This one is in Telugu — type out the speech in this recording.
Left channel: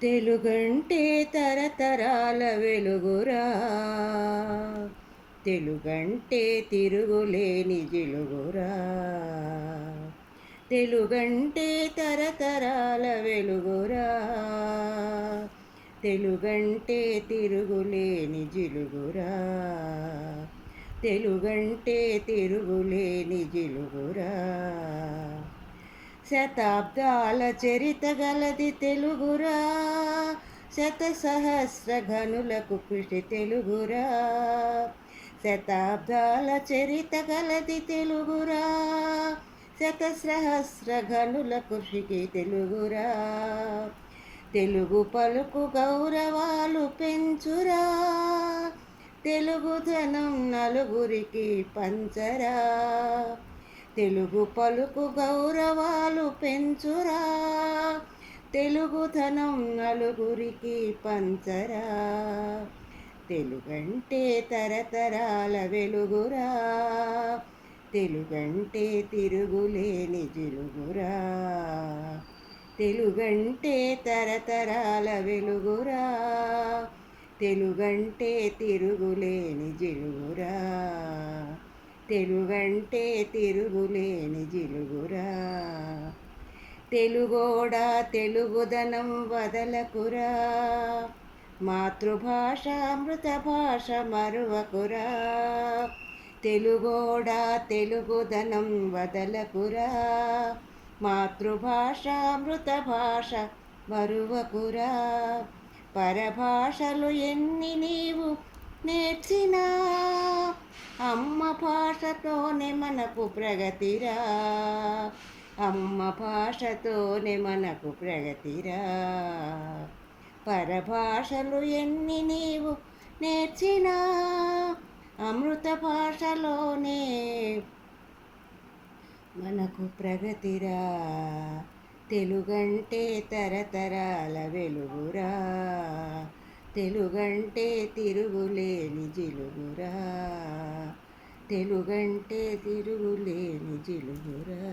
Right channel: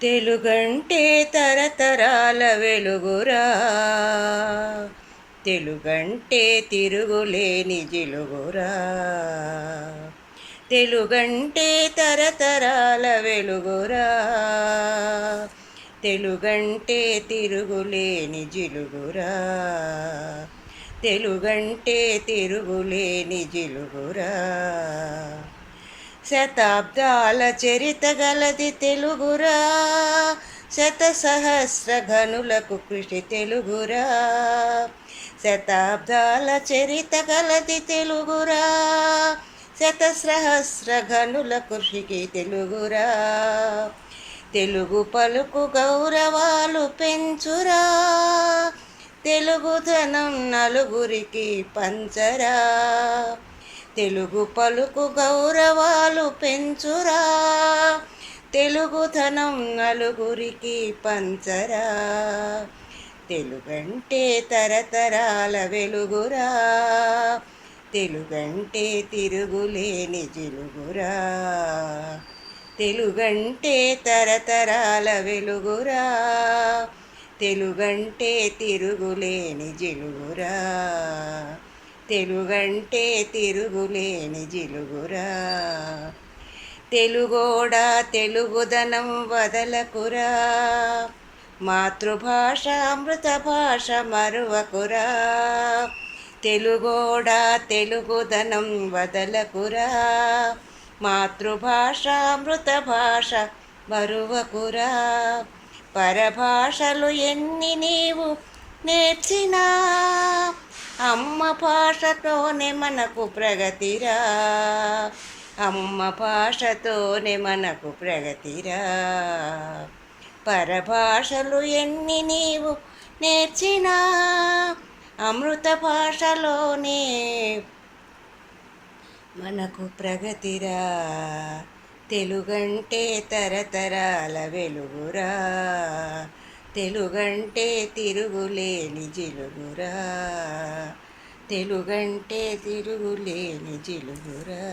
తెలుగంటే తరతరాల వెలుగురా, తెలుగంటే తిరుగులేని జిలుగురా. తెలుగంటే తరతరాల వెలుగురా, తెలుగంటే తిరుగులేని జిలుగురా. తెలుగంటే తిరుగులేని జిలుగురా. శతాబ్దాల చరిత గలది తెలుగురా, శత సహస్ర ఘనులకు కృషి తెలుగురా. శతాబ్దాల చరిత గలది తెలుగురా, శత సహస్ర ఘనుల కృషికి తెలుగురా. తెలుగు పలుకు గౌరవాలు పెంచురా, తెలుగుదనం నలుగురికి పంచరా. తెలుగు పలుకు గౌరవాలు పెంచురా, తెలుగుదనం నలుగురికి పంచరా. తెలుగంటే తరతరాల వెలుగురా, తెలుగంటే తిరుగులేని జిలుగురా. తెలుగంటే తరతరాల వెలుగురా, తెలుగంటే తిరుగులేని జిలుగురా. తెలుగంటే తిరుగులేని జిలుగురా. తెలుగోడా తెలుగుదనం వదలకురా, మాతృభాష అమృత భాష మరువకురా. తెలుగోడా తెలుగుదనం వదలకురా, మాతృభాష అమృత భాష మరువకురా. పరభాషలు ఎన్ని నీవు నేర్చినా, అమ్మ భాషతోనే మనకు ప్రగతిరా. అమ్మ భాషతోనే మనకు ప్రగతిరా. పరభాషలు ఎన్ని నీవు నేర్చినా, అమృత భాషలోనే మనకు ప్రగతిరా. తెలుగంటే తరతరాల వెలుగురా, తెలుగంటే తిరుగులేని జిలుగురా. తెలుగంటే తిరుగులేని జిలుగురా.